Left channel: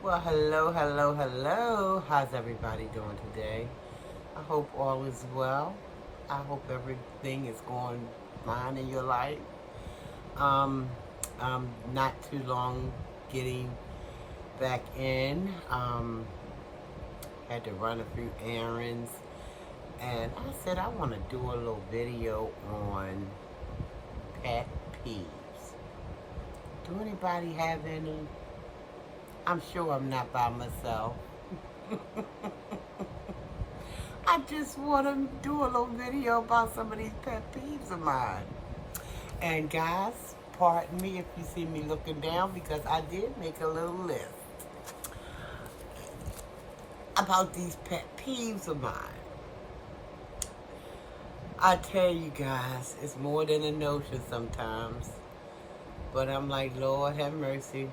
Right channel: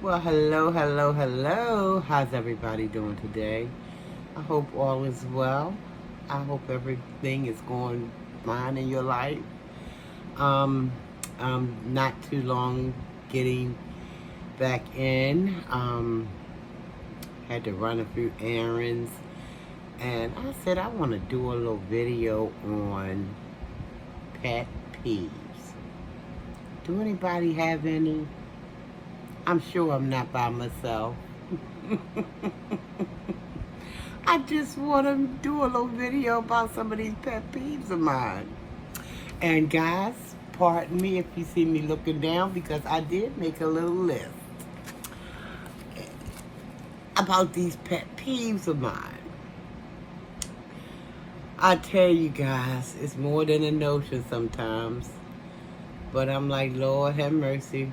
Well, hello, hello, hello. How's everybody doing today? I hope all is well. I hope everything is going fine in your life. Um, not too long getting back in. Had to run a few errands, and I said I want to do a little video on pet peeves. Do anybody have any? I'm sure I'm not by myself. I just want to do a little video about some of these pet peeves of mine. And guys, pardon me if you see me looking down because I did make a little list about these pet peeves of mine. I tell you guys, it's more than a notion sometimes. But I'm like, Lord have mercy.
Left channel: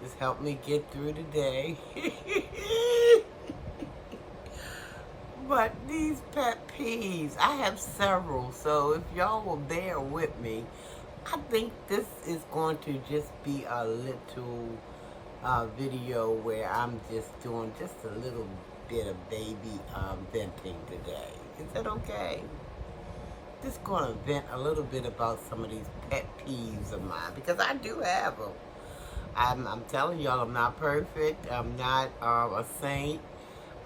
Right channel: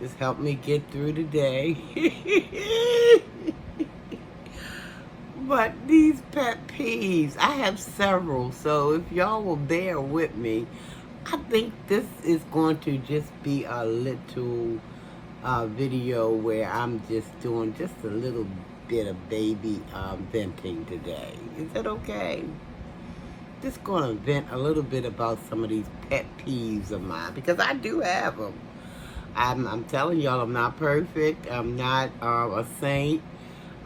Just help me get through the day. But these pet peeves, I have several, so if y'all will bear with me, I think this is going to just be a little video where I'm just doing just a little bit of baby venting today. Is that okay? Just going to vent a little bit about some of these pet peeves of mine, because I do have them. I'm telling y'all, I'm not perfect. I'm not a saint.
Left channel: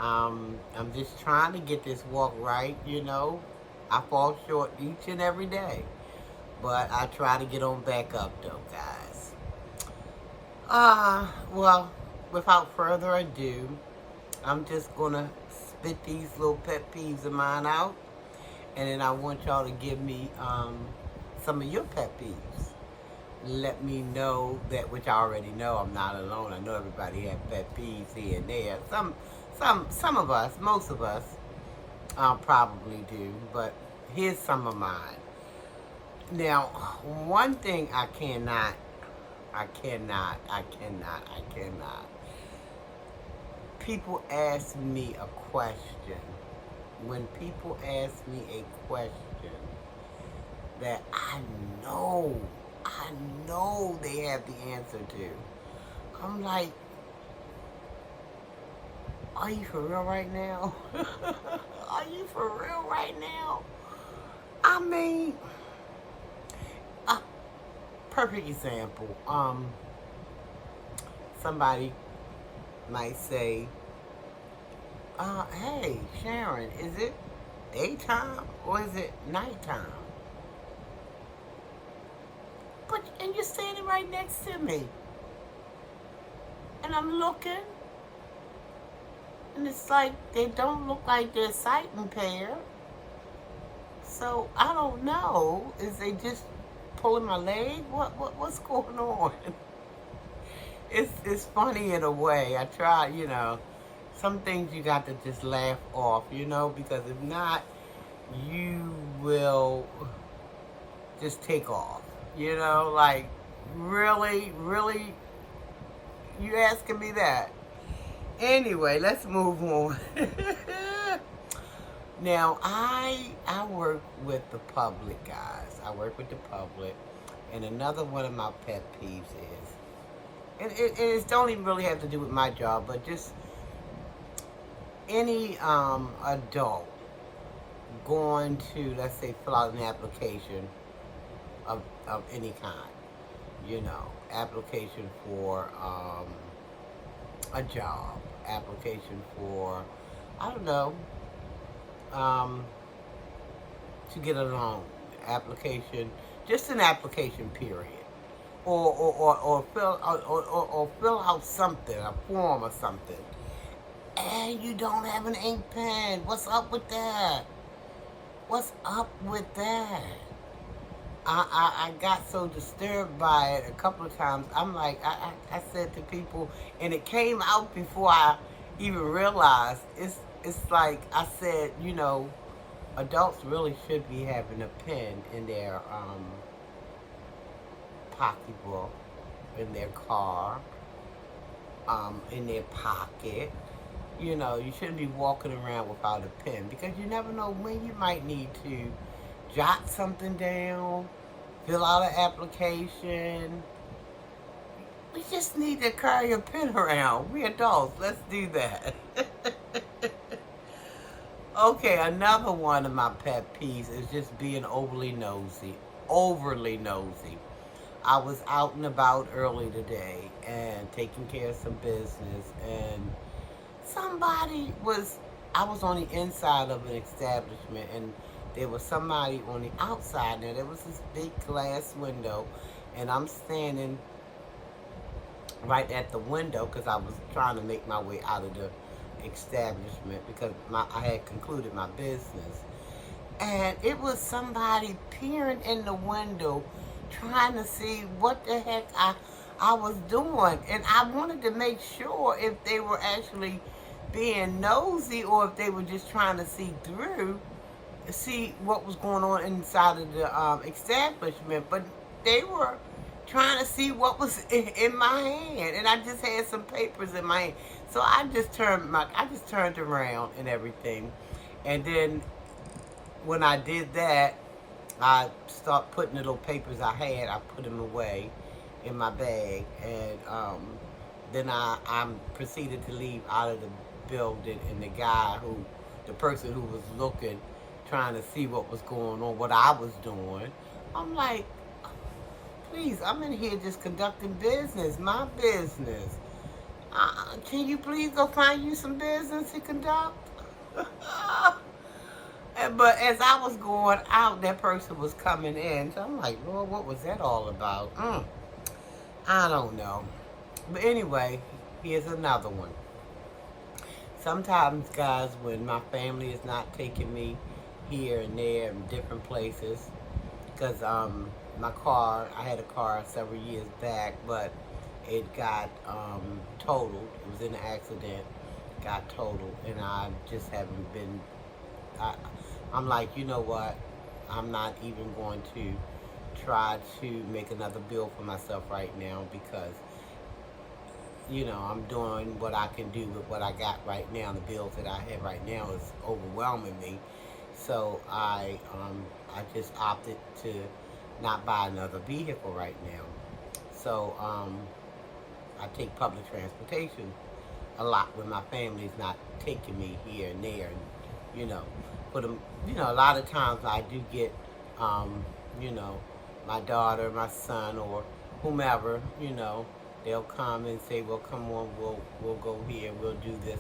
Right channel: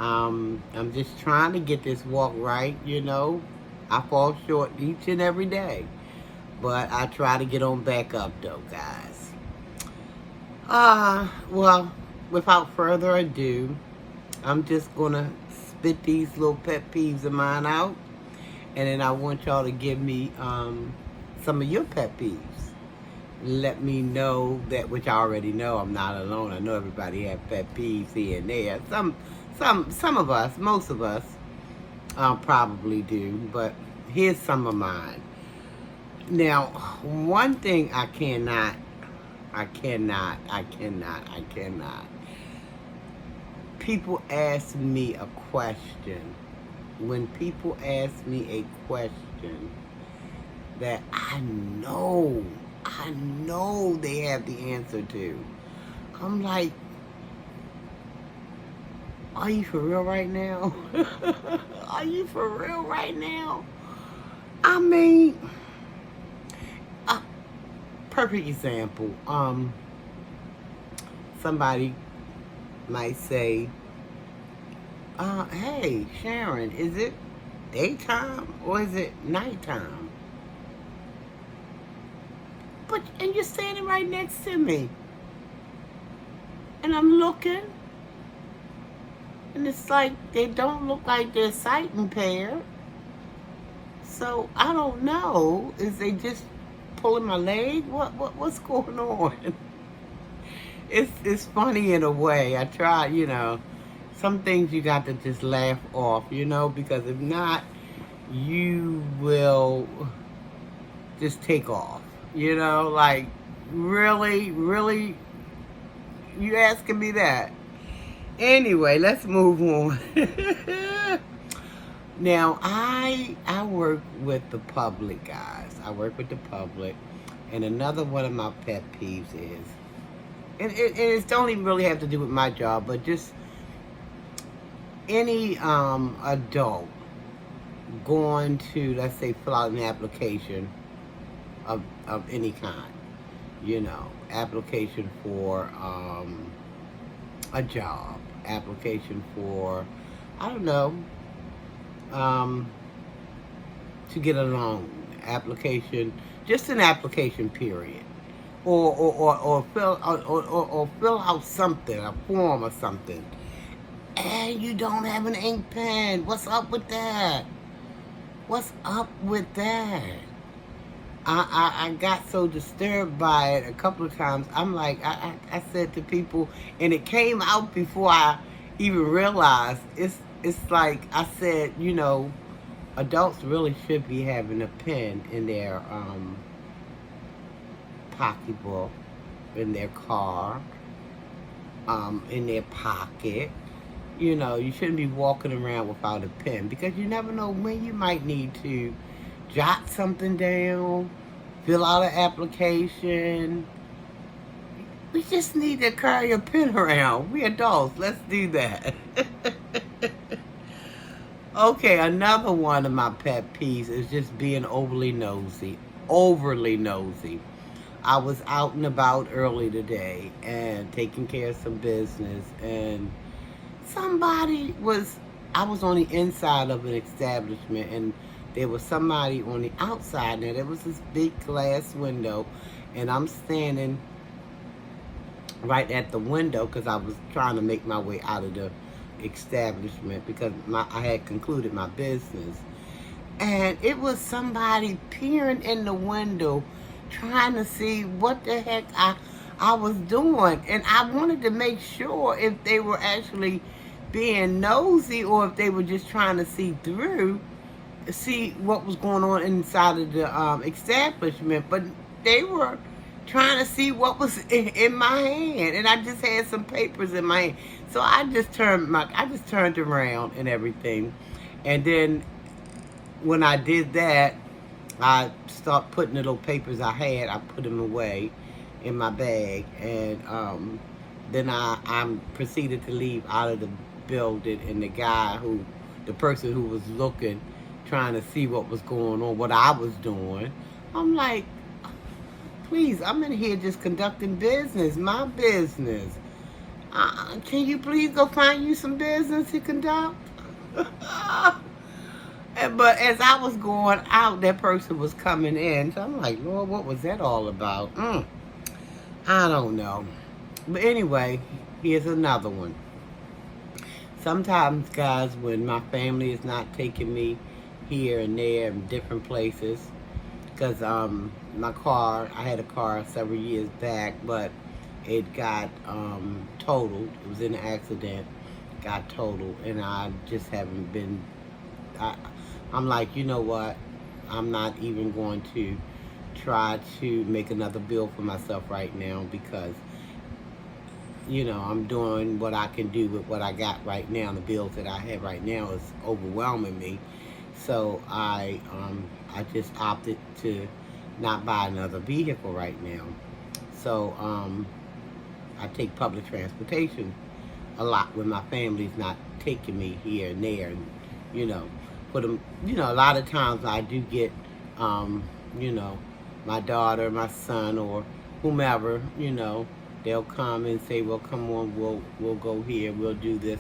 I'm just trying to get this walk right, you know. I fall short each and every day. But I try to get on back up though, guys. Well, without further ado, I'm just gonna spit these little pet peeves of mine out. And then I want y'all to give me some of your pet peeves. Let me know that, which I already know I'm not alone. I know everybody have pet peeves here and there. Some of us, most of us, probably do. But here's some of mine. Now, one thing I cannot. People ask me a question. When people ask me a question that I know they have the answer to, I'm like, are you for real right now? Are you for real right now? I mean, perfect example. Somebody might say, hey, Sharon, is it daytime or is it nighttime? And you're standing right next to me. And I'm looking. And it's like, they don't look like they're sight impaired. So, I don't know. Is they just pulling my leg? What's going on? It's funny in a way. I try, you know, some things you got to just laugh off, you know, because if not, you will just take off, you know, like, really, you asking me that? Anyway, let's move on. Now, I work with the public, guys. I work with the public, and another one of my pet peeves is, and it don't even really have to do with my job, but just any adult going to, let's say, fill out an application of any kind, you know, application for a job, application for, I don't know, to get a loan, application, just an application period, or fill out something, a form or something, and you don't have an ink pen. What's up with that? What's up with that? I got so disturbed by it a couple of times. I'm like, I said to people, and it came out before I even realized. It's like I said, you know, adults really should be having a pen in their pocketbook, in their car, in their pocket. You know, you shouldn't be walking around without a pen, because you never know when you might need to jot something down, fill out an application. We just need to carry a pen around. We adults. Let's do that. Okay, another one of my pet peeves is just being overly nosy. Overly nosy. I was out and about early today and taking care of some business, and I was on the inside of an establishment, and there was somebody on the outside, and there was this big glass window, and I'm standing right at the window because I was trying to make my way out of the establishment because I had concluded my business. And it was somebody peering in the window trying to see what the heck I was doing. And I wanted to make sure if they were actually being nosy or if they were just trying to see what was going on inside of the establishment. But they were trying to see what was in my hand, and I just had some papers in my hand. So I just turned around and everything. And then when I did that, I start putting the little papers I had, I put them away in my bag, and then I proceeded to leave out of the building, and the person who was looking, trying to see what was going on, what I was doing, I'm like, please, I'm in here just conducting business, my business. Can you please go find you some business to conduct? But as I was going out, that person was coming in. So I'm like, Lord, what was that all about? I don't know. But anyway, here's another one. Sometimes, guys, when my family is not taking me here and there in different places, because I had a car several years back, but it got totaled. It was in an accident, got totaled, and I just haven't been. I'm like, you know what? I'm not even going to try to make another bill for myself right now because, I'm doing what I can do with what I got right now. The bills that I have right now is overwhelming me. So I just opted to not buy another vehicle right now. So I take public transportation a lot when my family's not taking me here and there, and for them, a lot of times I do get, my daughter, my son, or whomever, they'll come and say, well, come on, we'll go here, we'll do this,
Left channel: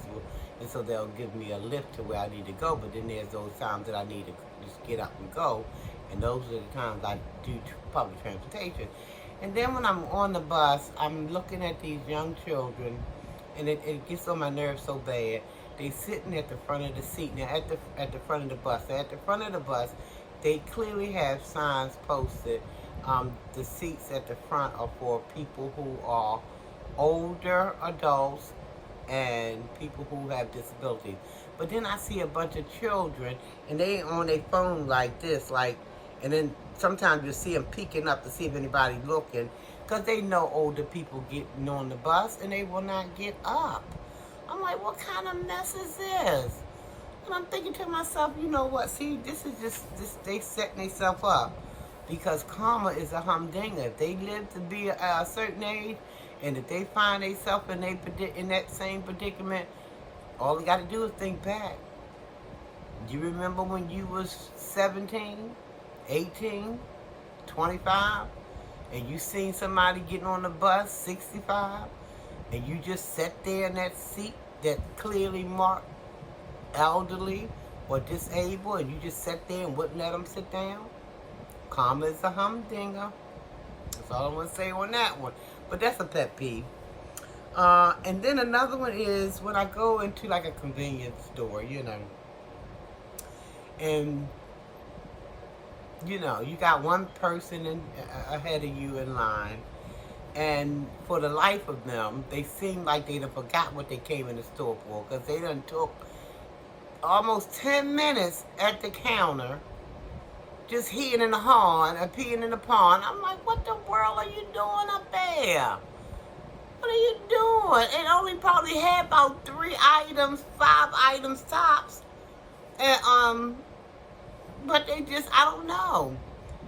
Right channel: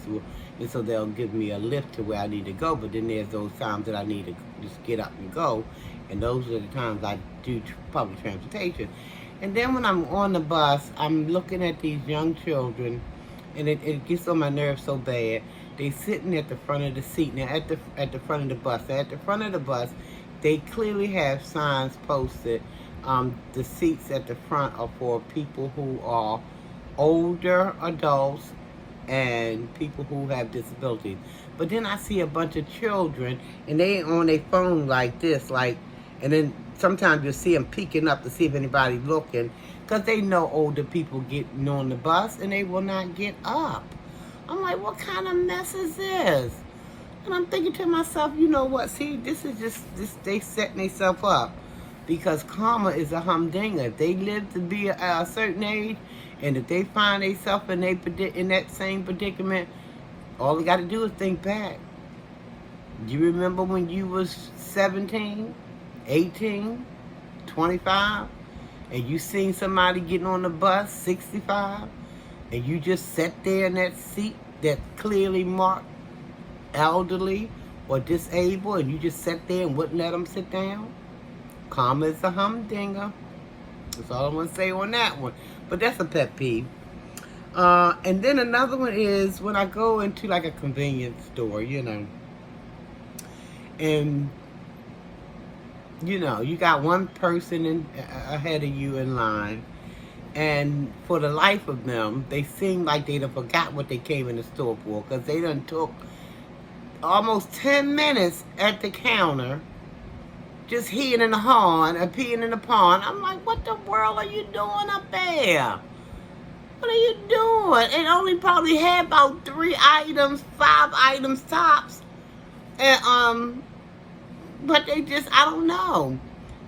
and so they'll give me a lift to where I need to go. But then there's those times that I need to just get up and go, and those are the times I do public transportation. And then when I'm on the bus, I'm looking at these young children, and it gets on my nerves so bad. They sitting at the front of the seat. Now at the front of the bus. At the front of the bus, they clearly have signs posted. The seats at the front are for people who are older adults and people who have disabilities. But then I see a bunch of children, and they on their phone like this, and then sometimes you'll see them peeking up to see if anybody's looking, because they know older people getting on the bus and they will not get up. I'm like, what kind of mess is this? And I'm thinking to myself, you know what? See, this is just they setting themselves up, because karma is a humdinger. If they live to be a certain age, and if they find themselves in that same predicament, all they got to do is think back. Do you remember when you was 17, 18, 25, and you seen somebody getting on the bus, 65, and you just sat there in that seat that clearly marked elderly or disabled, and you just sat there and wouldn't let them sit down? Karma is a humdinger. That's all I'm going to say on that one. But that's a pet peeve. And then another one is when I go into like a convenience store, and you got one person ahead of you in line, and for the life of them, they seem like they done forgot what they came in the store for, because they done took almost 10 minutes at the counter just heeing in the horn and peeing in the pond. I'm like, what the world are you doing up there? What are you doing? It only probably had about 3 items, 5 items tops. And but they just, I don't know.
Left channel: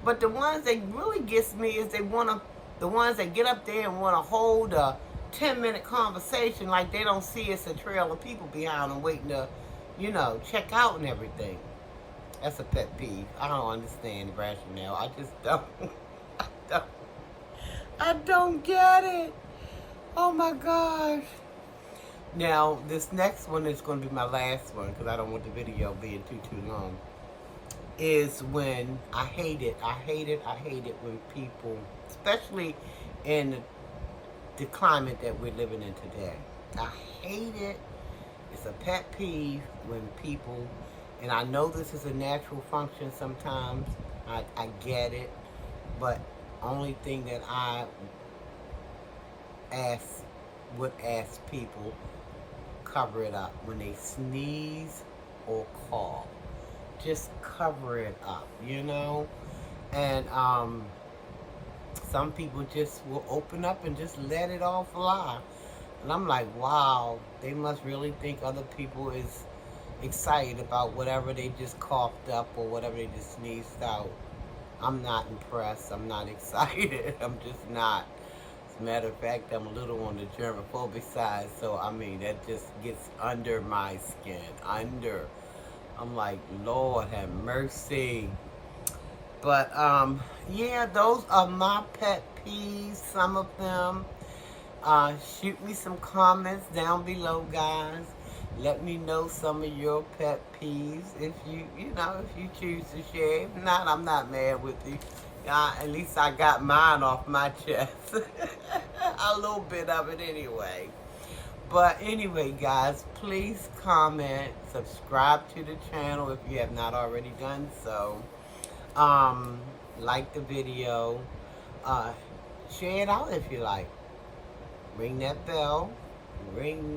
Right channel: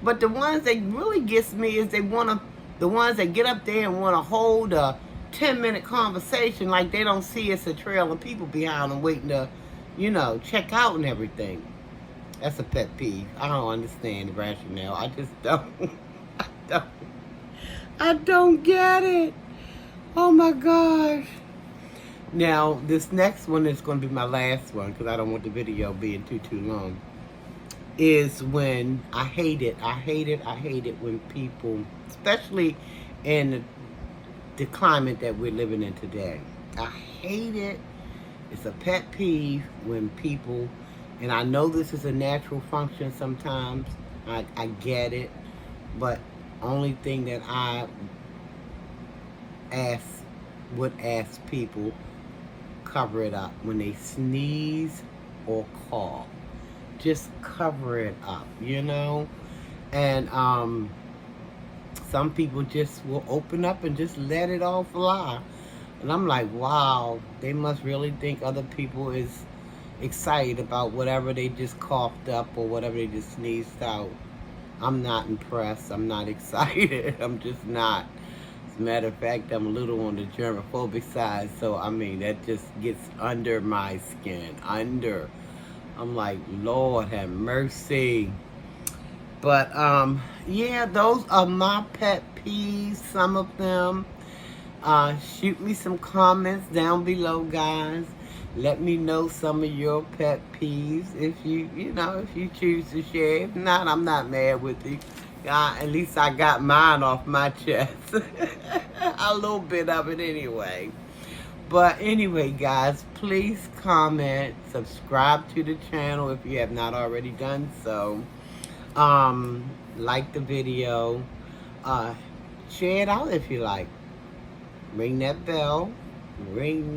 But the ones that really gets me is they want to, The ones that get up there and want to hold a 10-minute conversation like they don't see it's a trail of people behind them waiting to, check out and everything. That's a pet peeve. I don't understand the rationale. I just don't. I don't. I don't get it. Oh my gosh. Now, this next one is going to be my last one because I don't want the video being too long. Is when I hate it when people, especially in the climate that we're living in today. I hate it. It's a pet peeve when people, and I know this is a natural function sometimes, I get it, but only thing that I would ask people, cover it up. When they sneeze or cough, just cover it up, and some people just will open up and just let it all fly. And I'm like, wow, they must really think other people is excited about whatever they just coughed up or whatever they just sneezed out. I'm not impressed. I'm not excited. I'm just not. As a matter of fact, I'm a little on the germophobic side, so I mean, that just gets under my skin. I'm like, Lord have mercy. But, yeah, those are my pet peeves, some of them. Shoot me some comments down below, guys. Let me know some of your pet peeves if if you choose to share. If not, I'm not mad with you. At least I got mine off my chest. A little bit of it anyway. But anyway, guys, please comment, subscribe to the channel if you have not already done so. Like the video, share it out if you like. Ring that bell, and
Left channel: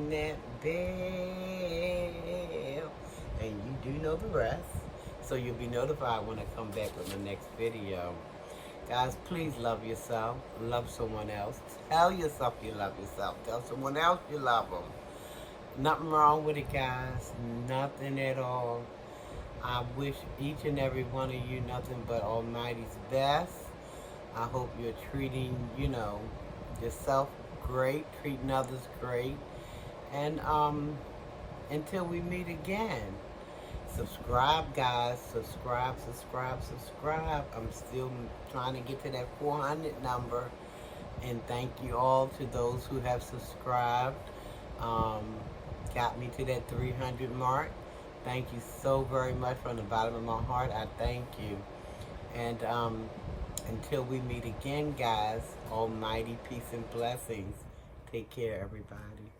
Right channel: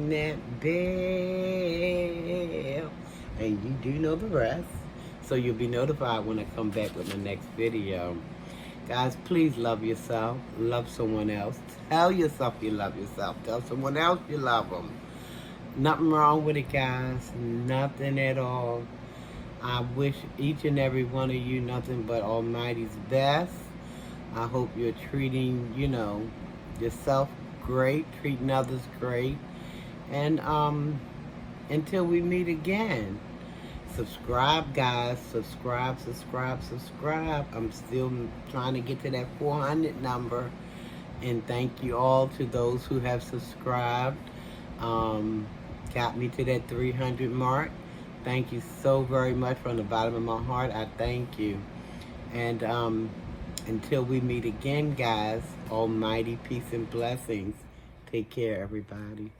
you do know the rest. So you'll be notified when I come back with my next video. Guys, please love yourself, love someone else. Tell yourself you love yourself. Tell someone else you love them. Nothing wrong with it, guys. Nothing at all. I wish each and every one of you nothing but Almighty's best. I hope you're treating, yourself great, treating others great. And until we meet again, subscribe, guys. Subscribe. I'm still trying to get to that 400 number. And thank you all to those who have subscribed. Got me to that 300 mark. Thank you so very much from the bottom of my heart. I thank you. And until we meet again, guys, almighty peace and blessings. Take care, everybody.